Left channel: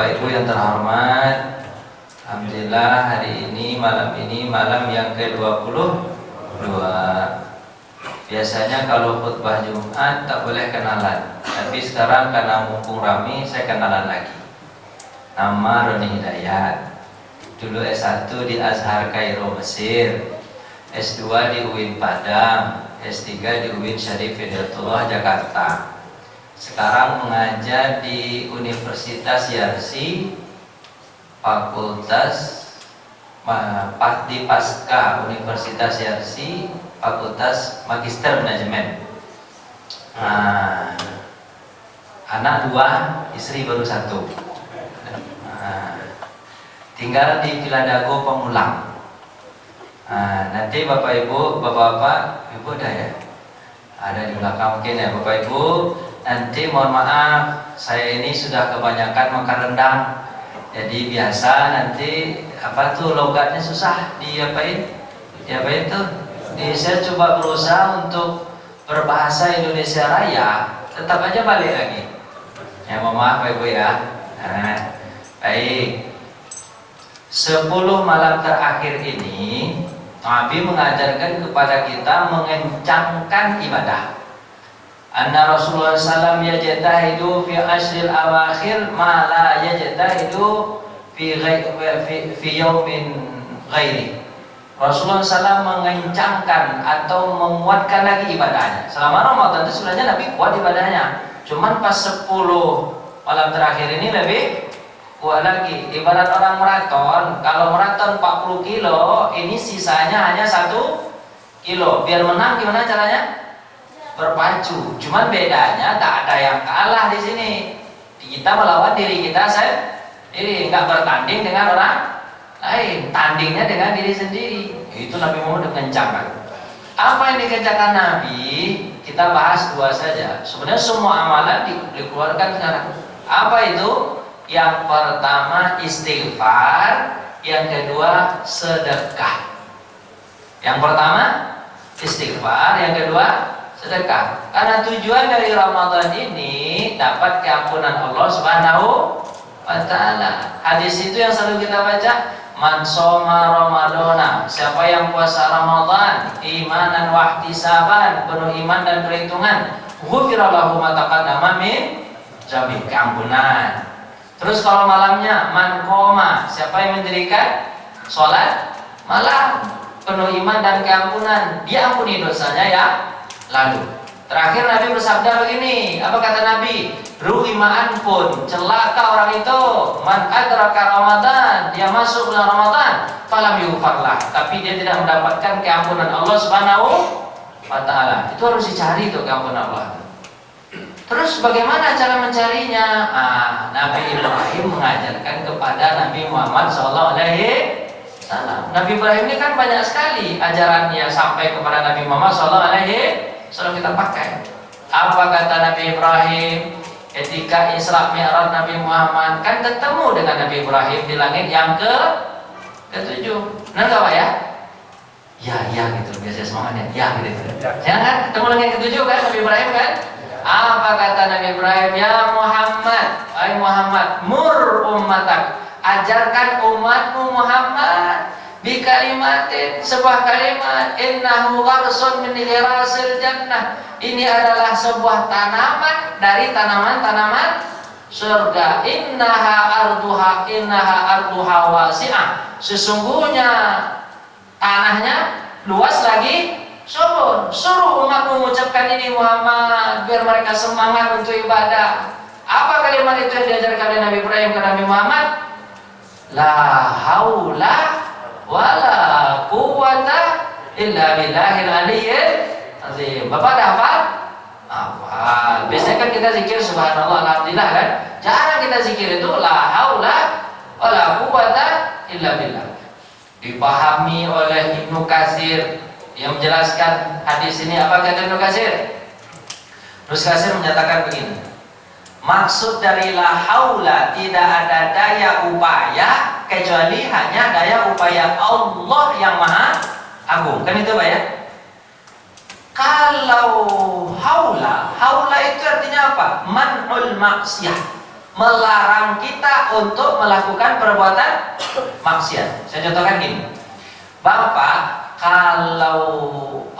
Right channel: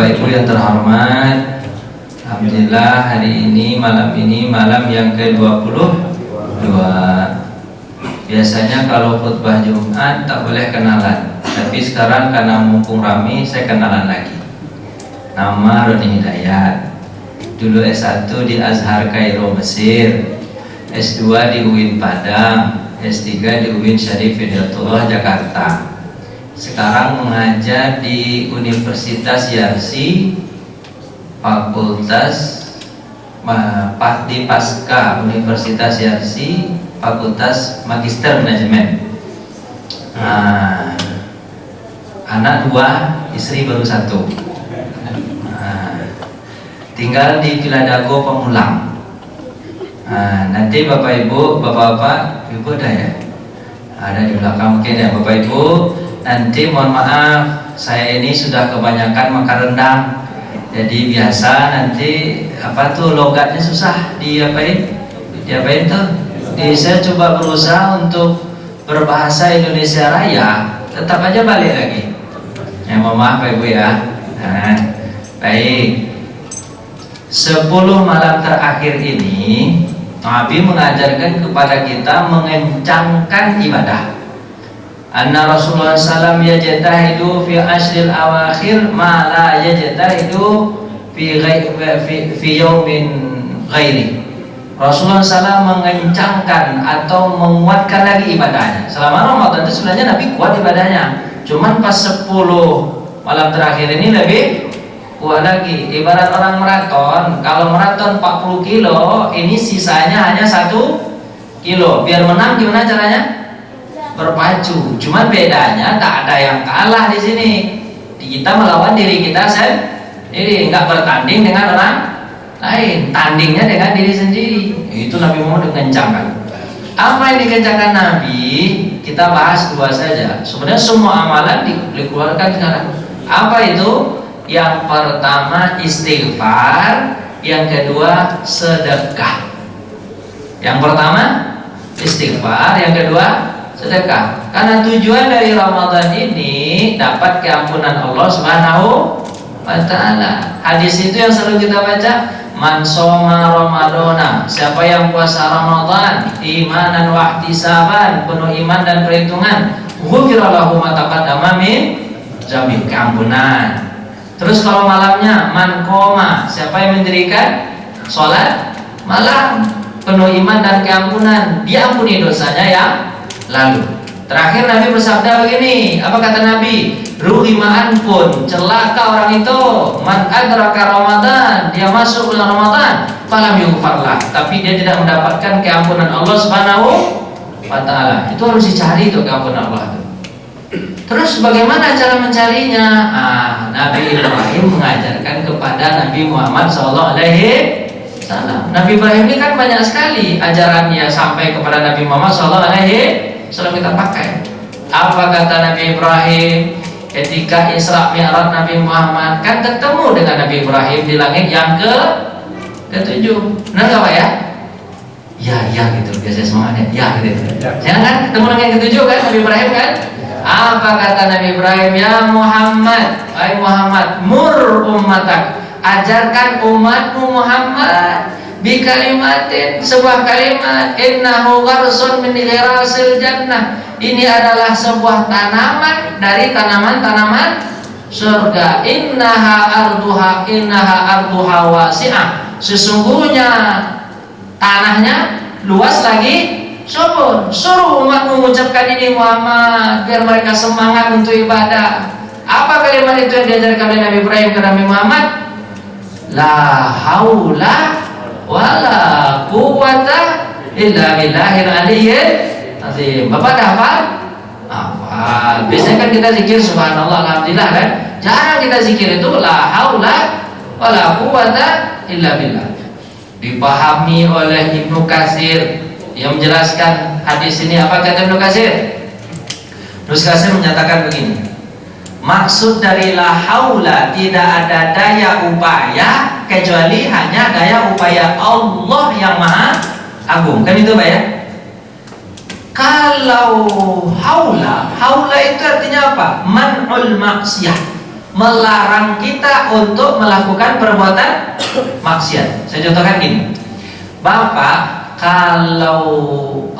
Bapak Ibu yang terhormat, alhamdulillah hari ini malam yang ke-22. Biasanya kalau khutbah Jumat tak boleh kenalan, tapi sekarang karena mumpung rame saya kenalan lagi. Nama Roni Hidayat. Dulu S1 di Azhar Kairo Mesir, S2 di UIN Padang, S3 di UIN Syarif Hidayatullah Jakarta. Sekarang mengajar di Universitas Yarsi, Fakultas di Pasca Universitas Yarsi, Fakultas Magister Manajemen. Anak 2, istri baru 1. Tinggal di Piladago Pemulang. Nanti Bapak Ibu, Bapak-bapak, Ibu ada ya? Ada di belakang mungkin ya Bapak Ibu. Nanti mohon maaf, saya ini sudah kebanyakan makan rendang. Jadi biasa nanti logatnya susah diapain tuh. Saya coba berusaha untuk berbahasa Indonesia Raya, tetap aja balik lagi. Ya mohon maaf Pak Ibu ya. Baik. 10 malam terakhir ini Nabi mengajarkan kepada kita mengencangkan ibadah. Anna Rasulullah SAW yajtahidu fi ashril awakhir ma la yajtahidu fi yaumin ghairi. Rasulullah SAW mengencangkan atau menguatkan lagi ibadahnya. Selama Ramadan itu sebenarnya Nabi kuat ibadahnya, cuman pas 10 malam terakhir ini Nabi kuat lagi. Ibarat orang maraton, kalau maraton 40 kilo, ini sisanya hanya 1 kilo. Biar menang gimana caranya? Berpacu. Cuman bedanya tak ada yang kalah di sini. Kita melawan diri kita sendiri, nggak bertanding dengan orang lain, tandingnya dengan diri sendiri. Itu Nabi Muhammad kencangkan. Apa yang dikencangkan Nabi? Kita bahas 2 saja. Sebenarnya semua amalan dikeluarkan sekarang. Apa itu? Yang pertama istighfar, yang kedua sedekah. Yang pertama istighfar, yang kedua sedekah. Karena tujuan dari Ramadan ini dapat keampunan Allah Subhanahu wa ta'ala. Hadis itu yang selalu kita baca, man shoma ramadhana, siapa yang puasa Ramadan imanan wa ihtisaban, penuh iman dan perhitungan, ghufira lahu ma taqaddama min dzambi, keampunan. Terus kalau malamnya man qoma, siapa yang mendirikan sholat malam, penuh iman dan keampunan, diampuni dosanya yang lalu. Terakhir Nabi bersabda begini, apa kata Nabi? Ruhima'an pun, celaka orang itu, man adraka Ramadan, dia masuk bulan Ramadan, falam yughfarlah, tapi dia tidak mendapatkan keampunan Allah Subhanahu wa ta'ala. Itu harus dicari itu keampunan Allah. Terus bagaimana cara mencarinya? Nabi Ibrahim mengajarkan kepada Nabi Muhammad SAW. Nabi Ibrahim ini kan banyak sekali ajarannya sampai kepada Nabi Muhammad SAW. Selalu kita pakai. Apa kata Nabi Ibrahim ketika Isra Mi'raj Nabi Muhammad? Kan ketemu dengan Nabi Ibrahim di langit yang ke-7. Benar gak Pak ya? Ya gitu, biasa semangatnya. Ya gitu. Jangan kan ketemu dengan yang ke-7 kan Nabi Ibrahim kan? Apa kata Nabi Ibrahim? Ya Muhammad, hai Muhammad, mur ummatak, ajarkan umatmu Muhammad bi kalimatin, sebuah kalimat, innahu gharsun min ghirasil jannah, ini adalah sebuah tanaman dari tanaman-tanaman surga. Innaha arduha wasi'ah, sesungguhnya tanahnya luas lagi subur. Suruh umatmu mengucapkan ini Muhammad, biar mereka semangat untuk ibadah. Apa kalimat itu yang diajarkan oleh Nabi Ibrahim ke Nabi Muhammad? La haula wala quwwata illa billahil aliyyil azim. Bapak dah hafal? Hafal. Biasanya kan kita zikir subhanallah, alhamdulillah kan? Jarang kita zikir itu la haula wala quwwata illa billah. Dipahami oleh Ibnu Katsir yang menjelaskan hadis ini. Apa kata Ibnu Katsir? Ibnu Katsir menyatakan begini, maksud dari la haula, tidak ada daya upaya kecuali hanya daya upaya Allah yang maha agung. Kan itu Pak ya? Kalau haula itu artinya apa? Man'ul maksiyah, melarang kita untuk melakukan perbuatan maksiat. Saya contohkan gini, Bapak kalau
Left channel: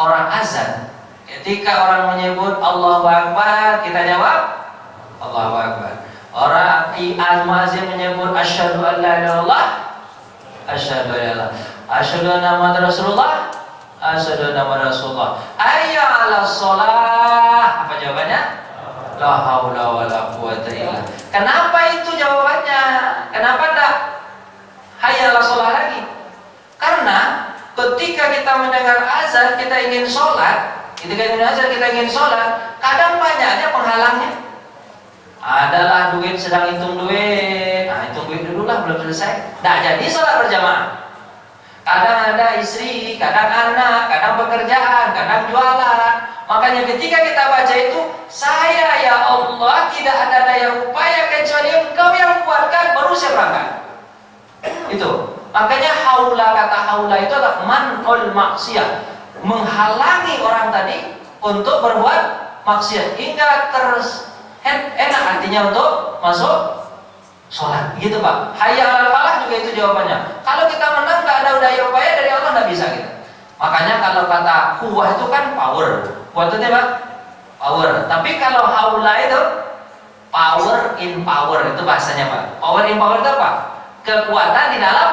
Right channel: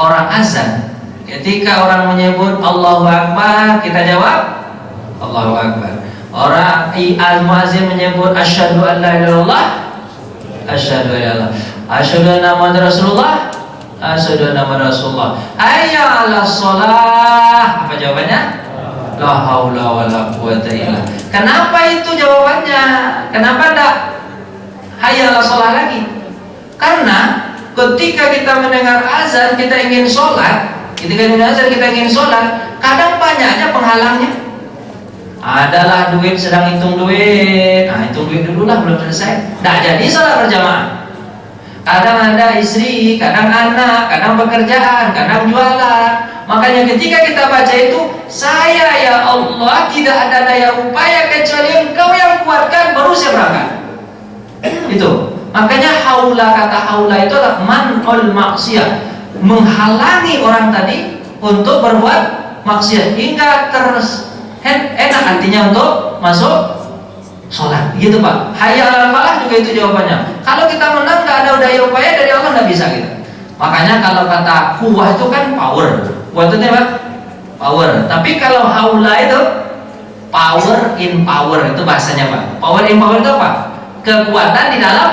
orang azan, ketika orang menyebut Allahu Akbar, kita jawab Allahu Akbar. Orang al-muazzin menyebut asyhadu an la ilaha illallah, asyhadu an la ilaha illallah, asyhadu anna muhammadar rasulullah, asyhadu anna muhammadar rasulullah, hayya 'alas shalah. Apa jawabannya? La haula wala quwata illa. Kenapa itu jawabannya? Kenapa enggak hayya 'alas shalah lagi? Karena ketika kita mendengar azan, kita ingin sholat. Ketika mendengar azan, kita ingin sholat. Kadang banyaknya penghalangnya. Adalah duit, sedang hitung duit. Nah, hitung duit dulu lah, belum selesai. Tidak jadi sholat berjamaah. Kadang ada istri, kadang anak, kadang pekerjaan, kadang jualan. Makanya ketika kita baca itu, saya ya Allah tidak ada daya upaya kecuali Engkau yang kuatkan, baru saya berangkat. Itu. Makanya haula, kata haula itu adalah man'ul maksiyah, menghalangi orang tadi untuk berbuat maksiat hingga enak artinya untuk masuk sholat, gitu Pak. Hayya 'alal falah juga itu jawabannya. Kalau kita menang nggak ada daya upaya dari Allah, nggak bisa gitu. Makanya kalau kata kuwah itu kan power, kuwah itu apa? Power. Tapi kalau haula itu power in power, itu bahasanya Pak. Power in power itu apa? Kekuatan di dalam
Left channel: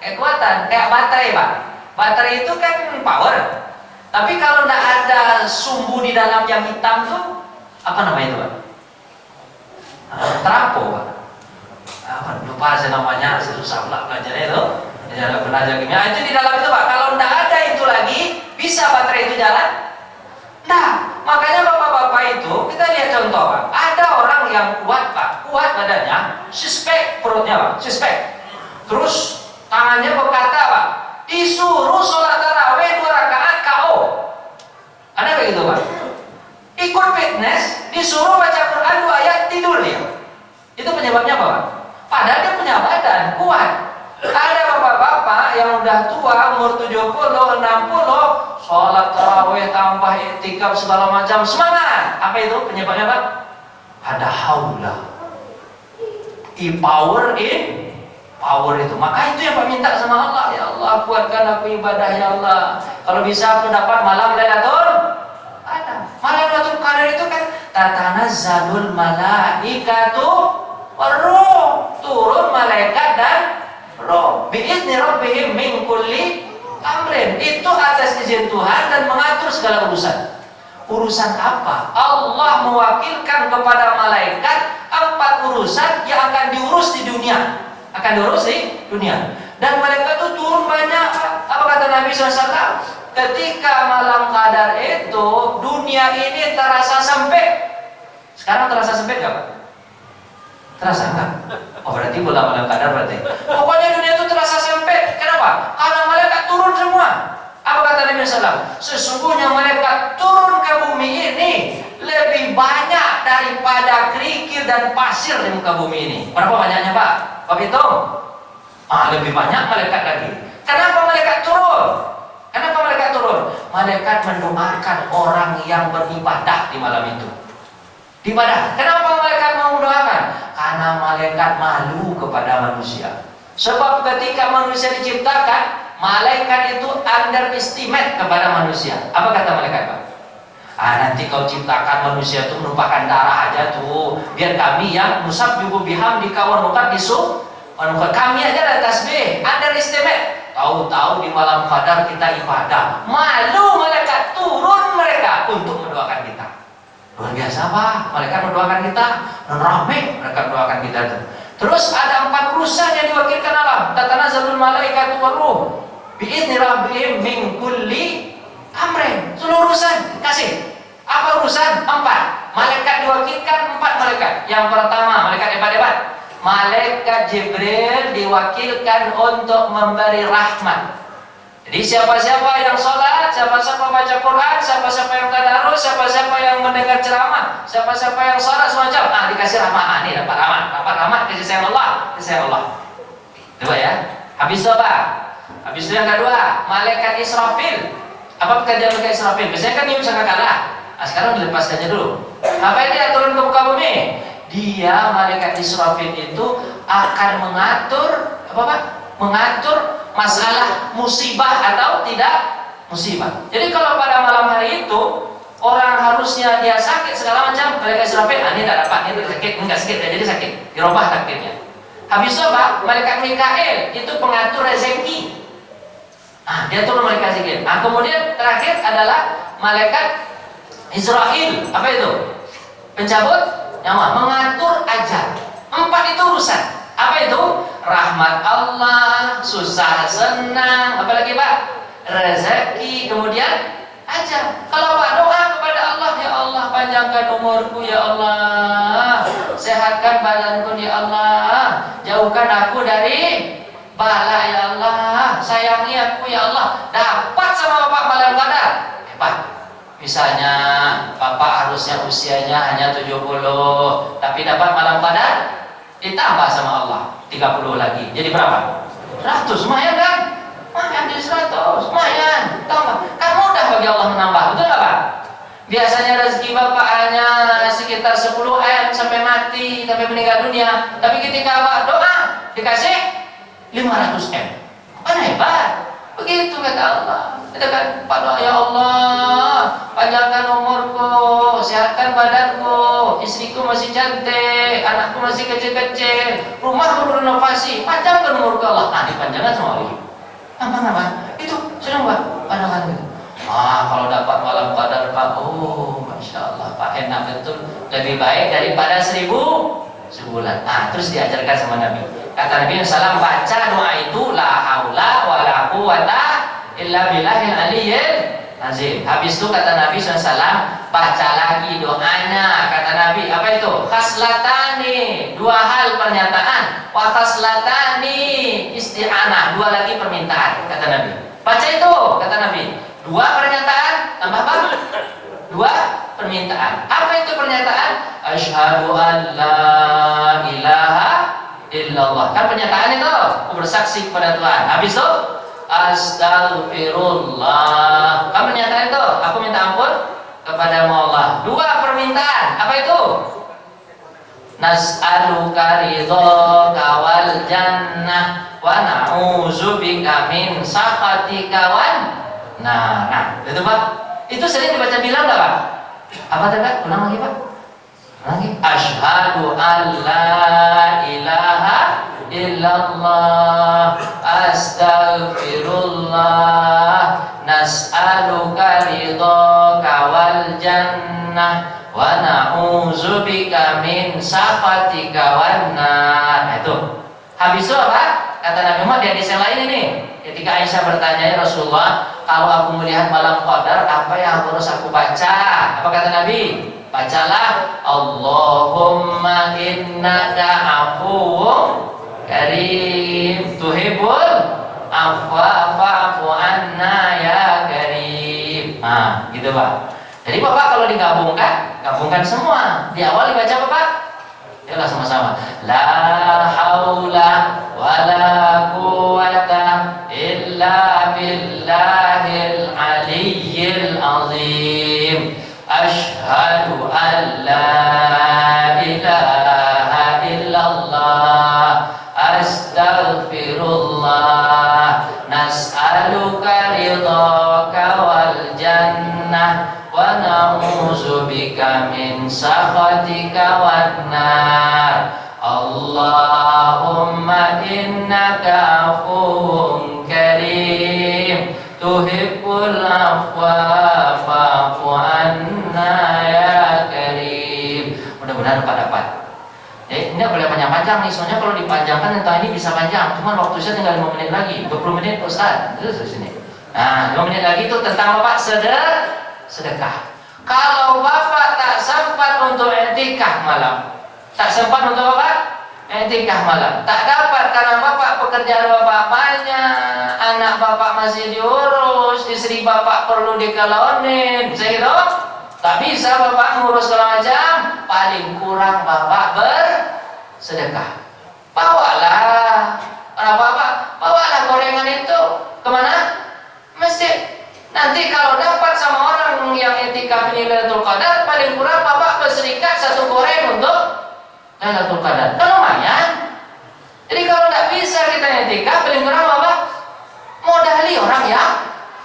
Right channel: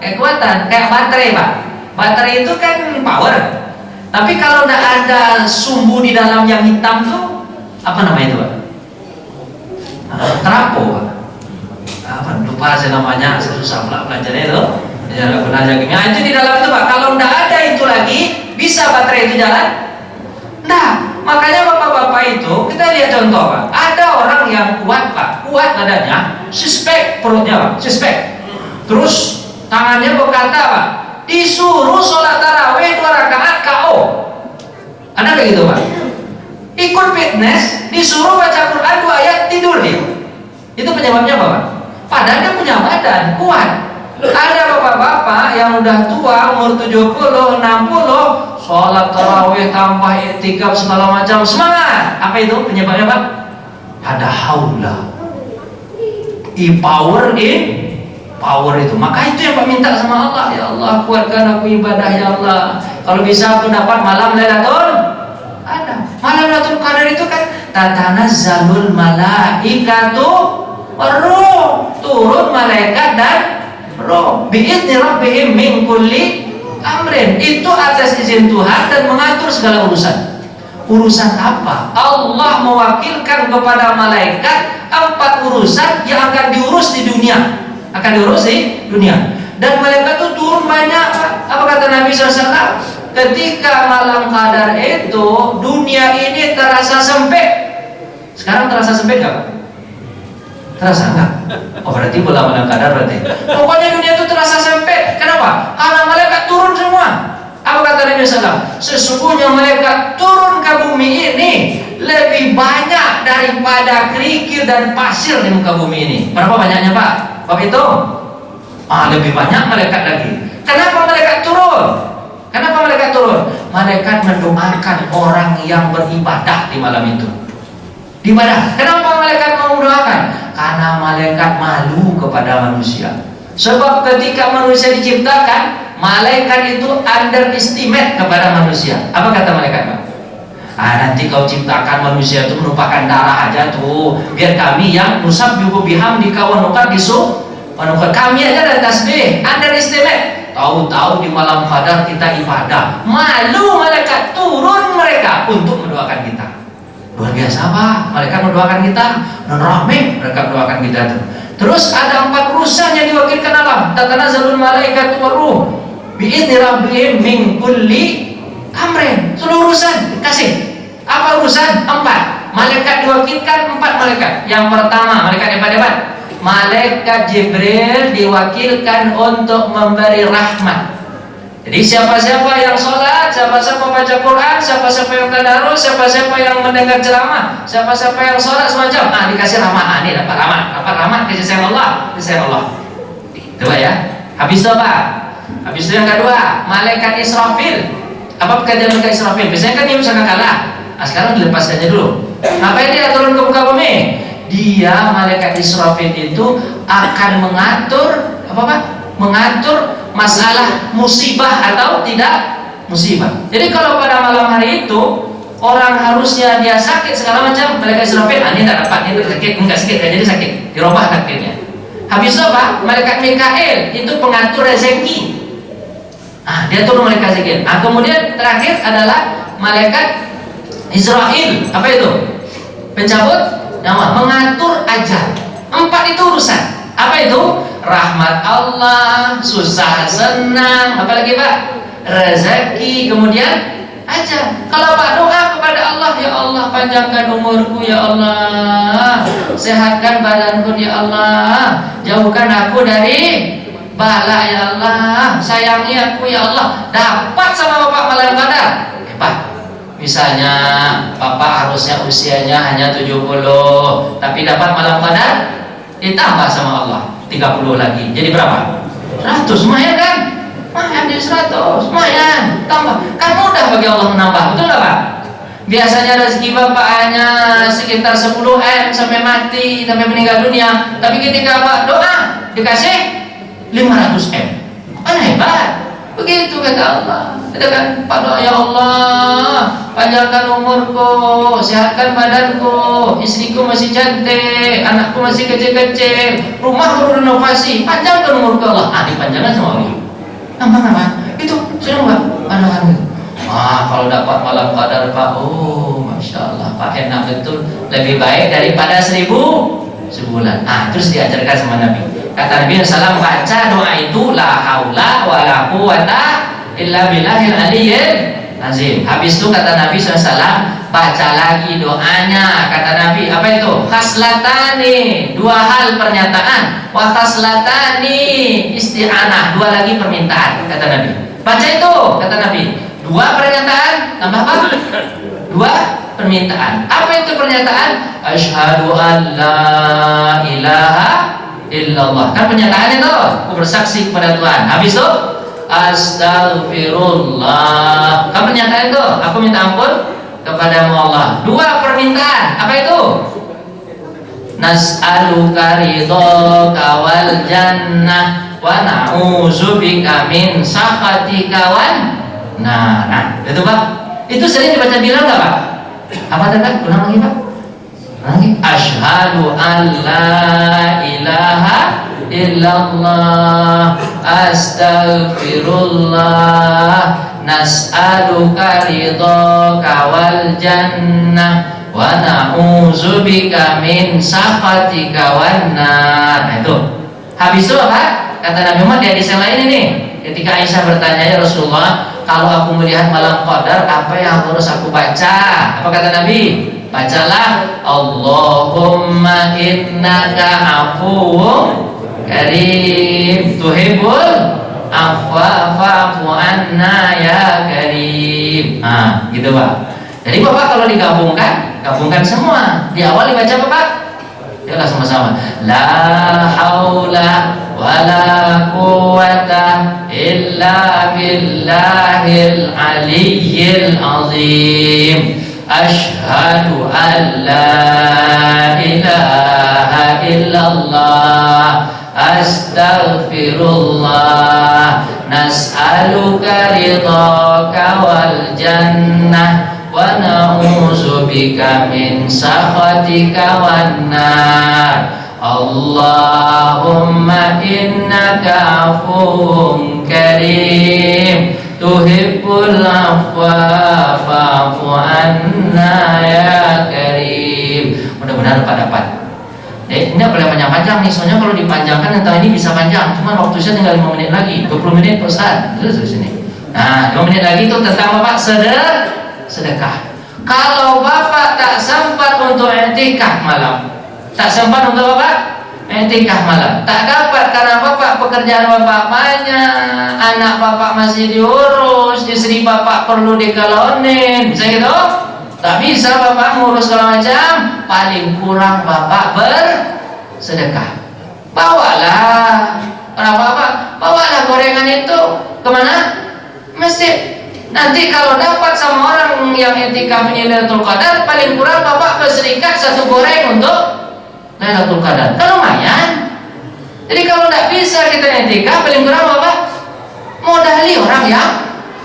kekuatan, kayak baterai Pak. Baterai itu kan power. Tapi kalau nggak ada sumbu di dalam yang hitam tuh apa namanya itu Pak? Terapo Pak. Apa lupa saya namanya, saya susah belajarnya itu. Ya belajar kimia. Nah, itu di dalam itu Pak. Kalau nggak ada itu lagi, bisa baterai itu jalan? Nah, makanya bapak-bapak itu kita lihat contoh Pak. Ada orang yang kuat Pak, kuat badannya, suspek perutnya Pak, suspek. Terus tangannya berkata Pak, disuruh sholat tarawih 2 rakaat KO. Ada kayak gitu Pak. Ikut fitness, disuruh baca Quran 2 ayat, tidur dia. Itu penyebabnya apa Pak? Padahal dia punya badan kuat. Ada bapak-bapak yang udah tua, umur 70, 60, sholat tarawih tambah i'tikaf segala macam, semangat. Apa itu penyebabnya Pak? Ada haula, power in power itu. Maka itu yang Pak minta sama Allah, ya Allah kuatkan aku ibadah ya Allah. Kalau bisa aku dapat malam Lailatul Qadar. Malam Lailatul Qadar itu kan tatanazzalul malaikatu waruh, turun malaikat dan roh bi'izni rabbihim min kulli amrin. Itu atas izin Tuhan dan mengatur segala urusan. Urusan apa? Allah mewakilkan kepada malaikat 4 urusan yang akan diurus di dunia. Akan diurus di dunia. Dan malaikat itu turun banyak. Apa kata Nabi SAW? Ketika malam qadar itu dunia ini terasa sempit. Sekarang terasa sempit gak Pak? Terasa enggak? Oh berarti bola malam qadar berarti. Pokoknya dunia itu terasa sempit. Kenapa? Karena malaikat turun semua. Apa kata Nabi SAW? Sesungguhnya malaikat turun ke bumi ini lebih banyak daripada kerikil dan pasir di muka bumi ini. Berapa banyaknya Pak? Bapak itu? Lebih banyak malaikat lagi. Kenapa malaikat turun? Kenapa malaikat turun? Malaikat mendoakan orang yang beribadah di malam itu. Ibadah. Kenapa malaikat mau mendoakan? Karena malaikat malu kepada manusia. Sebab ketika manusia diciptakan, malaikat itu underestimate kepada manusia. Apa kata malaikat Pak? Nanti kau ciptakan manusia itu menumpahkan darah aja tuh. Biar kami yang nusabbihu bihamdika wa nuqaddisu wa kami aja dan tasbih. Underestimate. Tahu-tahu di malam qadar kita ibadah. Malu malaikat turun mereka untuk mendoakan kita. Luar biasa Pak, malaikat mendoakan kita. Dan rame mereka mendoakan kita tuh. Terus ada 4 urusan yang diwakilkan Allah. Tatanazzalul malaikatu waruh bi'izni rabbihim min kulli amrin. Seluruh urusan kasih. Apa urusan? 4. Malaikat diwakilkan 4 malaikat. Yang pertama, malaikat hebat-hebat. Malaikat Jibril diwakilkan untuk memberi rahmat. Jadi siapa-siapa yang sholat, siapa-siapa baca Quran, siapa-siapa yang tadarus, siapa-siapa yang mendengar ceramah, siapa-siapa yang sholat semacam, dikasih rahmat. Ini dapat rahmat, kasih sayang Allah, kasih sayang Allah. Coba ya. Habis itu apa? Habis itu yang kedua, malaikat Israfil. Apa pekerjaan malaikat Israfil? Biasanya kan dia bisa kalah. Sekarang dilepaskannya dulu. Ngapain dia turun ke muka bumi? dia malaikat Israfil itu akan mengatur apa Pak? Mengatur masalah musibah atau tidak musibah. Jadi kalau pada malam hari itu orang harusnya dia sakit segala macam, malaikat Israfil, ini tak dapat, ini sakit, enggak sakit, jadi sakit, dirubah takdirnya. Habis itu apa? Malaikat Mikail itu pengatur rezeki. Dia turun malaikat rezeki. Kemudian terakhir adalah malaikat Israfil, apa itu? Pencabut nyawa, mengatur ajal. 4 itu urusan. Apa itu? Rahmat Allah, susah senang, apalagi Pak? Rezeki, kemudian ajal. Kalau Pak doa kepada Allah, ya Allah panjangkan umurku ya Allah, sehatkan badanku ya Allah, jauhkan aku dari bala ya Allah, sayangi aku ya Allah. Dapat sama Bapak malam Qadar. Pak, misalnya Bapak harusnya usianya hanya 70, tapi dapat malam Qadar, ditambah sama Allah 30 lagi, jadi berapa? 100, lumayan kan? Lumayan jadi 100, lumayan, tambah. Kan mudah bagi Allah menambah, betul nggak Pak? Biasanya rezeki Bapak hanya sekitar 10M sampai mati, sampai meninggal dunia. Tapi ketika Bapak doa, dikasih 500M. Kan hebat. Begitu kata Allah. Ada kan? Pada ya Allah, panjangkan umurku, sehatkan badanku, istriku masih cantik, anakku masih kecil-kecil, rumahku renovasi, panjangkan umurku Allah. Dipanjangkan sama Allah. Nambah. Itu sudah Pak. Anak-anak itu. Kalau dapat malam Qadar Pak, Masya Allah Pak, enak betul. Lebih baik daripada 1000 sebulan. Terus diajarkan sama Nabi. Kata Nabi SAW, baca doa itu la haula wa la quwata illa billahil aliyyil azim. Habis itu kata Nabi SAW, baca lagi doanya. Kata Nabi, apa itu? Khaslatani, 2 hal pernyataan. Wa khaslatani isti'anah, 2 lagi permintaan. Kata Nabi. Baca itu, kata Nabi. 2 pernyataan, tambah apa? 2 permintaan. Apa itu pernyataan? Asyhadu an la ilaha illallah. Kan pernyataan itu, aku bersaksi kepada Tuhan. Habis itu astagfirullah. Kan pernyataan itu, aku minta ampun kepada Allah. 2 permintaan. Apa itu? Nas'aluka ridhaka wal jannah wa na'udzubika min sakhatika wan. Nah, itu Pak. Itu sering dibaca bilang enggak Pak? Apa tadi? Ulang lagi Pak. Lagi. Asyhadu an la ilaha illallah, astaghfirullah, nas'aluka ridhaka wal jannah wa na'udzubika min sakhatika wan nar. Itu. Habis itu apa? Kata Nabi Muhammad di hadis yang lain ini, ketika Aisyah bertanya, ya Rasulullah, kalau aku melihat malam Qadar, apa yang harus aku baca? Apa kata Nabi? Bacalah Allahumma innaka afuwwun karim tuhibbul afwa fa'fu anna ya karim. Gitu Pak. Jadi Bapak kalau gabungkan semua. Di awal dibaca apa Pak? Yalah sama-sama. La haula wala quwata illa billahil aliyyil azim. Asyhadu an la ilaha illallah, astaghfirullah, nas'aluka ridhaka wal jannah wa na'udzubika min sakhatika wan nar. Allahumma innaka afuwwun karim tuhibbul afwa fa'fu anna ya karim. Mudah-mudahan Pak dapat. Ini boleh panjang-panjang nih, soalnya kalau dipanjangkan entah ini bisa panjang. Cuma waktu saya tinggal 5 menit lagi, 20 menit Ustaz. Terus sini. 5 menit lagi itu tentang Bapak sedekah. Kalau Bapak tak sempat untuk i'tikaf malam, tak sempat untuk Bapak i'tikaf malam, tak dapat karena Bapak pekerjaan Bapak banyak, anak Bapak masih diurus, istri Bapak perlu dikalonin, bisa gitu? Tak bisa Bapak ngurus segala macam, paling kurang Bapak bersedekah. Bawalah, kenapa Bapak? Bawalah gorengan itu kemana? Masjid. Nanti kalau dapat sama orang yang i'tikaf ini Lailatul Qadar, paling kurang Bapak bersedekah 1 goreng untuk Lailatul Qadar. Kan lumayan. Jadi kalau tidak bisa kita etika, paling kurang apa? Modali orang yang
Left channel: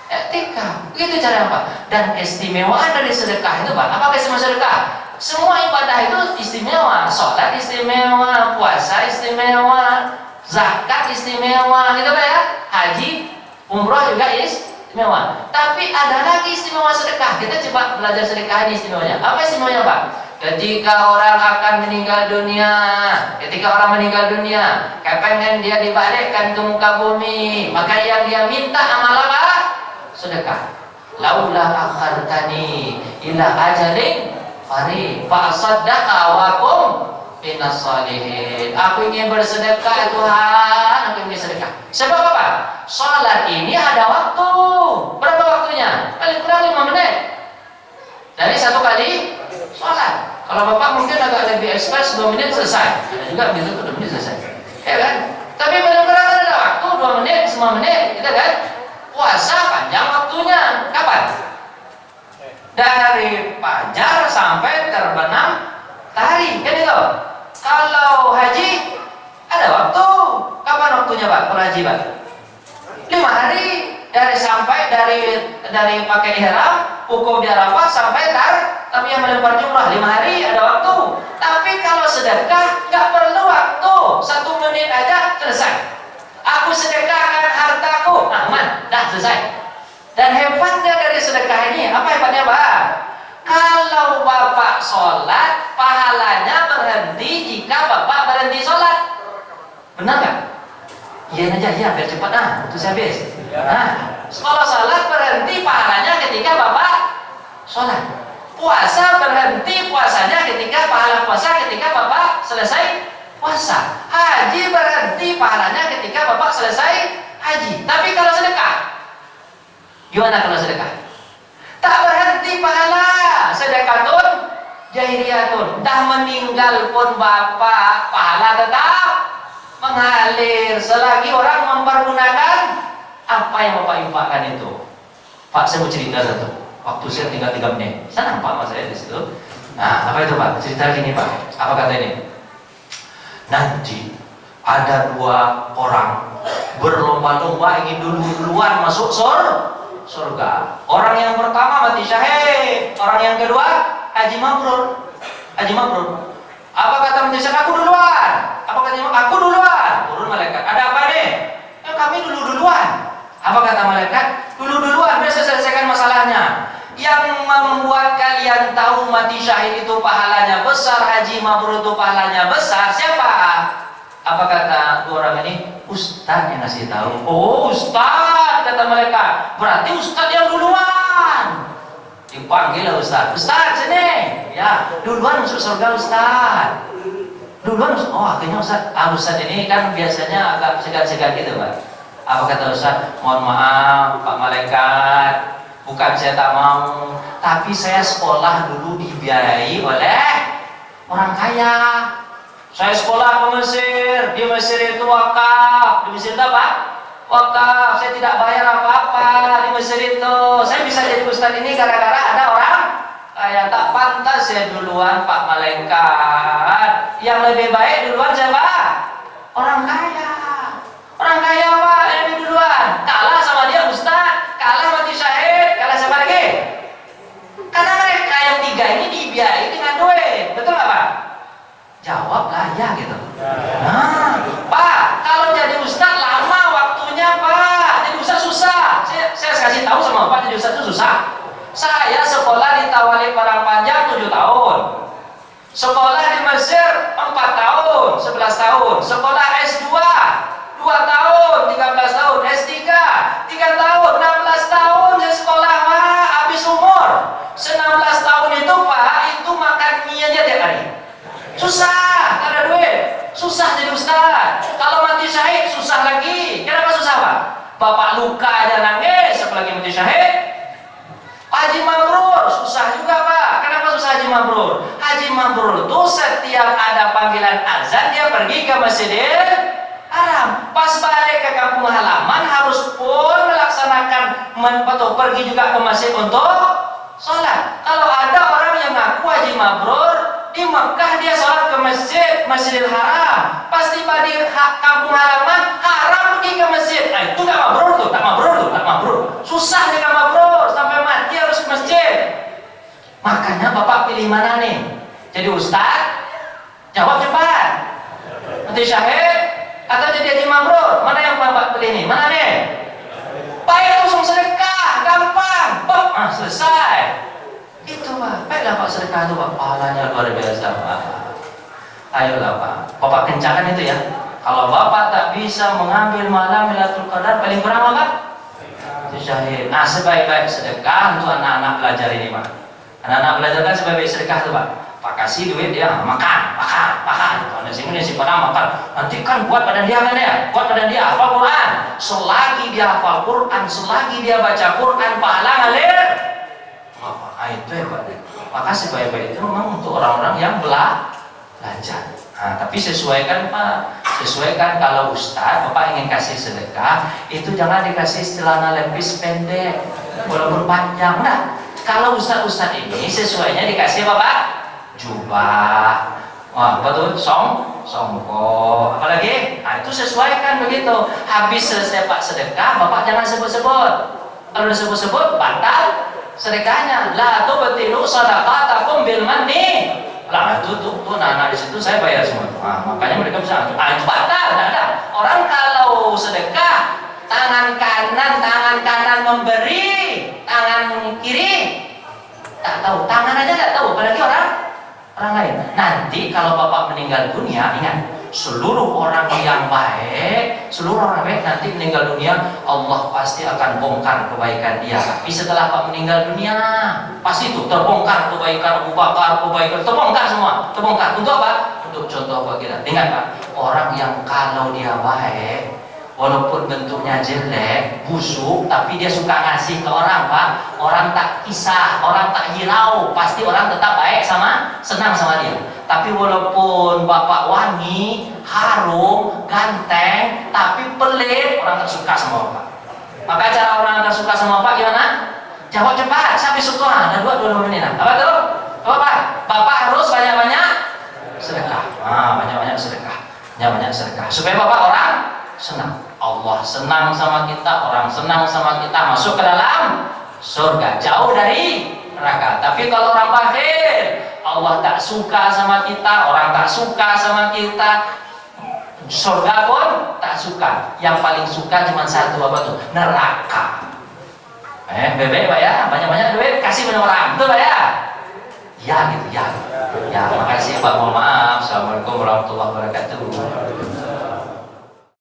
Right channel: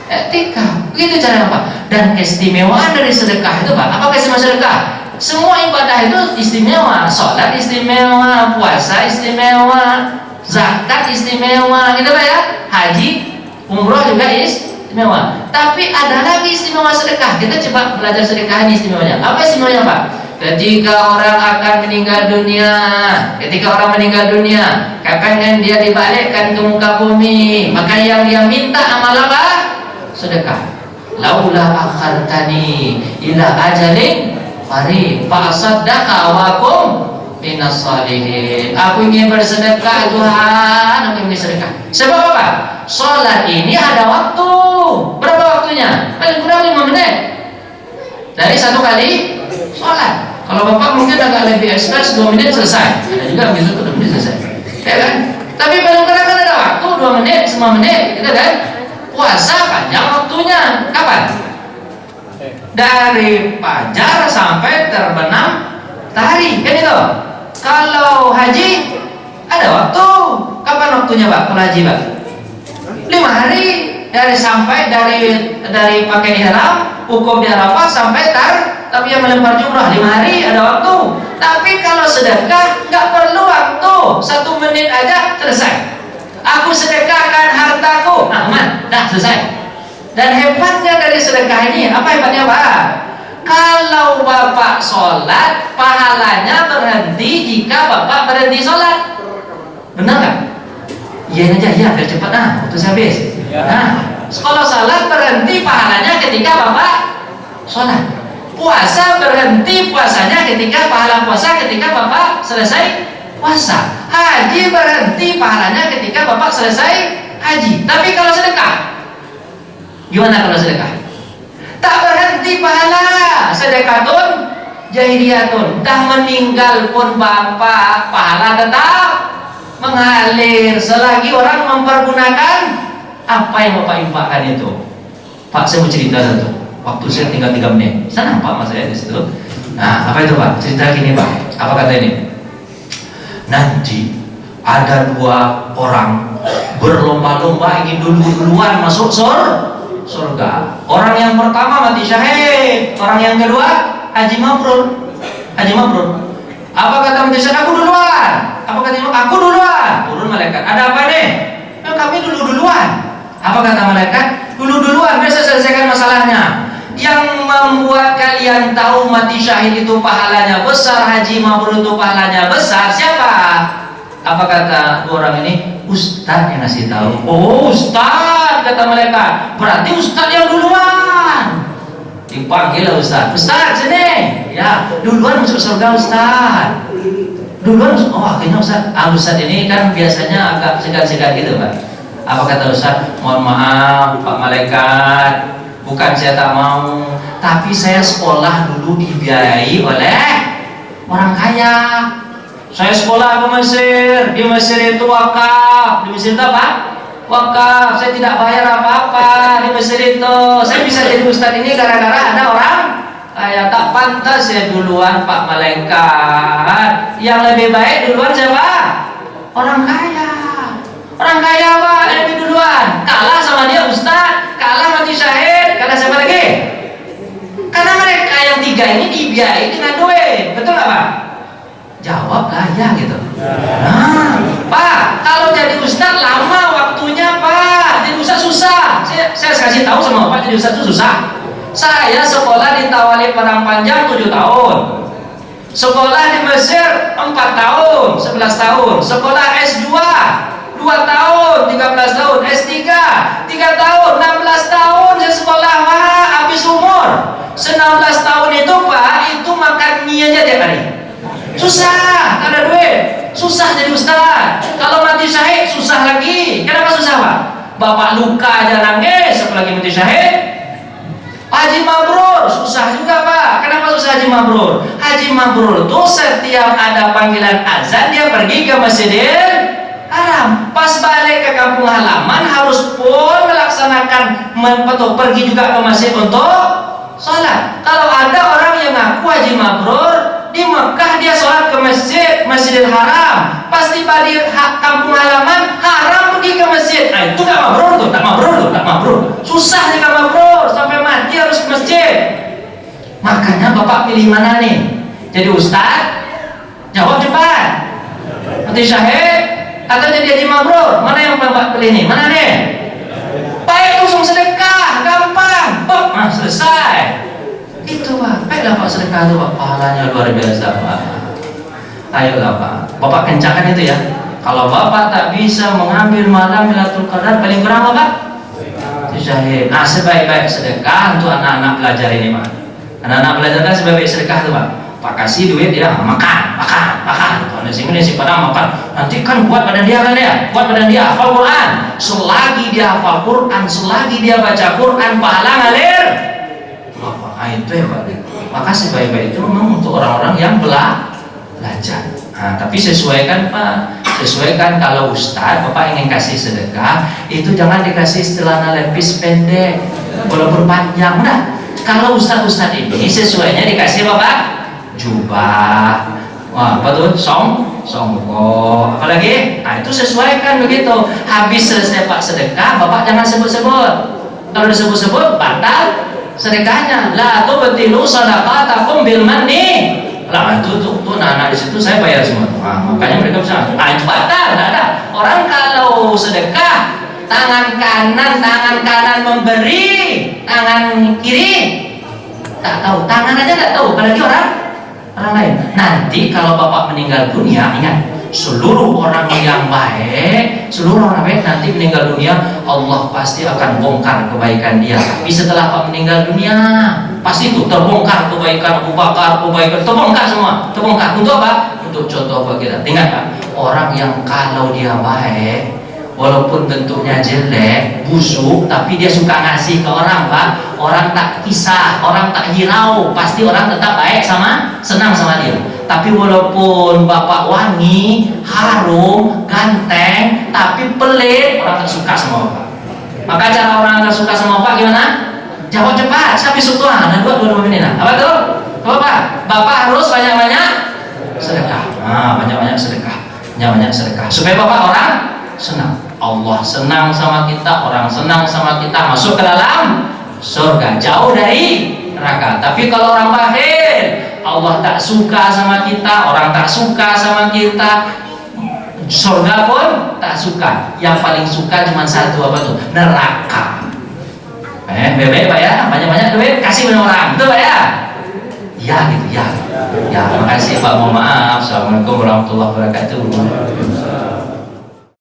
etika. Begitu caranya Pak. Dan keistimewaan dari sedekah itu Pak. Apa keistimewaan sedekah? Semua ibadah itu istimewa. Sholat istimewa, puasa istimewa, zakat istimewa, gitu Pak ya. Haji, umroh juga istimewa. Tapi ada lagi istimewa sedekah. Kita coba belajar sedekah ini istimewanya. Apa istimewanya Pak? Ketika orang akan meninggal dunia, kepengen dia dibalikkan ke muka bumi, maka yang dia minta amal apa? Sedekah. Laula akhartani ila ajalin qarib fa asaddaqa wa kum minas shalihin. Aku ingin bersedekah Tuhan, aku ingin sedekah. Sebab apa? Salat ini ada waktu. Berapa waktunya? Paling kurang 5 menit. Dari satu kali salat. Kalau Bapak mungkin agak lebih ekspres 2 menit selesai. Ada juga begitu 2 menit selesai. Ya kan? Tapi paling kurang kan ada waktu 2 menit, 5 menit, gitu kan? Puasa panjang waktunya. Kapan? Dari fajar sampai terbenam matahari, kan itu? Kalau haji ada waktu. Kapan waktunya Pak? Kalau haji Pak? 5 hari dari pakai ihram, hukum di Arafah sampai tapi yang melempar jumrah 5 hari ada waktu. Tapi kalau sedekah nggak perlu waktu, 1 menit aja selesai. Aku sedekahkan hartaku, aman, dah selesai. Dan hebatnya dari sedekah ini, apa hebatnya Pak? Kalau Bapak sholat, pahalanya berhenti jika Bapak berhenti sholat. Benar nggak? Iya aja, iya biar cepat waktu habis. Nah, kalau sholat berhenti pahalanya ketika Bapak sholat. Puasa berhenti puasanya pahala puasa ketika Bapak selesai puasa. Haji berhenti pahalanya ketika Bapak selesai haji. Tapi kalau sedekah, gimana kalau sedekah? Tak berhenti pahala. Sedekatun jahiliyatun. Dah meninggal pun Bapak, pahala tetap mengalir selagi orang mempergunakan apa yang Bapak infakkan itu. Pak, saya mau cerita satu. Waktu saya tinggal 3 menit. Bisa nampak mas saya di situ. Nah, apa itu Pak? Cerita gini Pak. Apa kata ini? Nanti ada 2 orang berlomba-lomba ingin duluan masuk surga. Orang yang pertama mati syahid. Orang yang kedua haji mabrur. Apa kata mati syahid? Aku duluan. Apa kata imam? Aku duluan. Turun malaikat. Ada apa nih? Kami duluan. Apa kata malaikat? Duluan. Biar saya selesaikan masalahnya. Yang membuat kalian tahu mati syahid itu pahalanya besar, haji mabrur itu pahalanya besar, siapa? Apa kata 2 orang ini? Ustaz yang ngasih tahu. Oh Ustaz, kata malaikat. Berarti Ustaz yang duluan. Dipanggil lah Ustaz. Ustaz sini. Ya, duluan masuk surga Ustaz. Duluan masuk. Oh akhirnya Ustaz ini kan biasanya agak segan-segan gitu Pak. Apa kata Ustaz? Mohon maaf Pak Malaikat, bukan saya tak mau, tapi saya sekolah dulu dibiayai oleh orang kaya. Saya sekolah ke Mesir, di Mesir itu wakaf. Di Mesir itu apa? Wakaf. Saya tidak bayar apa-apa di Mesir itu. Saya bisa jadi Ustaz ini gara-gara ada orang kaya. Tak pantas saya duluan Pak Malaikat. Yang lebih baik duluan siapa? Orang kaya. Orang kaya Pak yang lebih duluan. Kalah sama dia Ustaz, kalah mati syahid, kalah siapa lagi? Karena mereka yang 3 ini dibiayai dengan duit. Betul nggak Pak? Jawablah ya gitu. Nah, Pak, kalau jadi Ustaz lama waktunya Pak. Jadi Ustaz susah. Saya kasih tahu sama Pak, jadi Ustaz itu susah. Saya sekolah di Tawalib Padang Panjang 7 tahun. Sekolah di Mesir 4 tahun, 11 tahun. Sekolah S2 2 tahun, 13 tahun. S3 3 tahun, 16 tahun saya sekolah Pak, habis umur. 19 tahun itu Pak, itu makan mie aja tiap hari. Susah, tak ada duit. Susah jadi Ustaz. Kalau mati syahid susah lagi. Kenapa susah Pak? Bapak luka aja nangis, apalagi mati syahid. Haji mabrur susah juga Pak. Kenapa susah haji mabrur? Haji mabrur itu setiap ada panggilan azan dia pergi ke Masjidil Haram. Pas balik ke kampung halaman harus pun melaksanakan pergi juga ke masjid untuk sholat. Kalau ada orang yang ngaku haji mabrur di Mekah Mekah dia sholat ke masjid, Masjidil Haram. Pasti di kampung halaman haram pergi ke masjid. Itu nggak mabrur tuh, tak mabrur. Susah nih nggak mabrur, sampai mati harus ke masjid. Makanya bapak pilih mana nih? Jadi ustaz? Jawab cepat. Nanti syahid atau jadi mabrur? Mana yang bapak pilih nih? Mana nih? Baik, langsung sedekah, gampang. Selesai. Itu pak, baiklah pak sedekah itu pak, pahalanya luar biasa pak. Ayolah pak, bapak kencangkan itu ya. Kalau bapak tak bisa mengambil malam Lailatul Qadar, paling berapa pak? Syahid. Nah, sebaik-baik sedekah untuk anak-anak belajar ini pak. Anak-anak belajar kan sebaik-baik sedekah itu pak. Pak kasih duit dia makan. Kalau di sini si padang makan. Nanti kan kuat badan dia kan ya, kuat badan dia hafal Quran. Selagi dia hafal Quran, selagi dia baca Quran, pahala ngalir. Nah, itu ya Pak. Maka sebaik-baik itu memang untuk orang-orang yang belajar. Nah, tapi sesuaikan Pak, sesuaikan. Kalau Ustadz Bapak ingin kasih sedekah, itu jangan dikasih celana lepis pendek walaupun panjang. Nah, kalau Ustadz ini sesuainya dikasih Bapak jubah, apa tuh, songkok, apalagi, nah itu sesuaikan begitu. Habis selesai Pak sedekah, Bapak jangan sebut-sebut. Kalau disebut-sebut batal sedekahnya. La tubtilu shadaqatakum bil manni. Lah itu tuh anak di situ saya bayar semua. Nah, makanya mereka bisa. Nah itu batal, tidak ada. Orang kalau sedekah tangan kanan memberi, tangan kiri tak tahu, tangan aja tak tahu, apalagi orang lain. Nanti kalau Bapak meninggal dunia, ingat, seluruh orang yang baik nanti meninggal dunia, Allah pasti akan bongkar kebaikan dia. Tapi setelah Pak meninggal dunia, pasti itu terbongkar kebaikan Abu Bakar, terbongkar semua. Terbongkar untuk apa? Untuk contoh bagi kita. Ingat Pak, orang yang kalau dia baik, walaupun bentuknya jelek, busuk, tapi dia suka ngasih ke orang Pak. Orang tak kisah, orang tak hirau, pasti orang tetap baik senang sama dia. Tapi walaupun Bapak wangi, harum, ganteng, tapi pelit, orang tak suka sama Bapak. Maka cara orang tak suka sama Bapak gimana? Jawab cepat, siapa suka? Ada dua menit. Apa tuh? Bapak harus banyak-banyak sedekah. Banyak-banyak sedekah. Supaya Bapak orang senang. Allah senang sama kita, orang senang sama kita, masuk ke dalam surga, jauh dari neraka. Tapi kalau orang bakhil, Allah tak suka sama kita, orang tak suka sama kita, surga pun tak suka. Yang paling suka cuma satu, apa tuh? Neraka. Bebek Pak ya, banyak-banyak duit kasih banyak orang, betul Pak ya? Ya gitu ya. Ya, makasih Pak, mohon maaf. Assalamualaikum warahmatullahi wabarakatuh.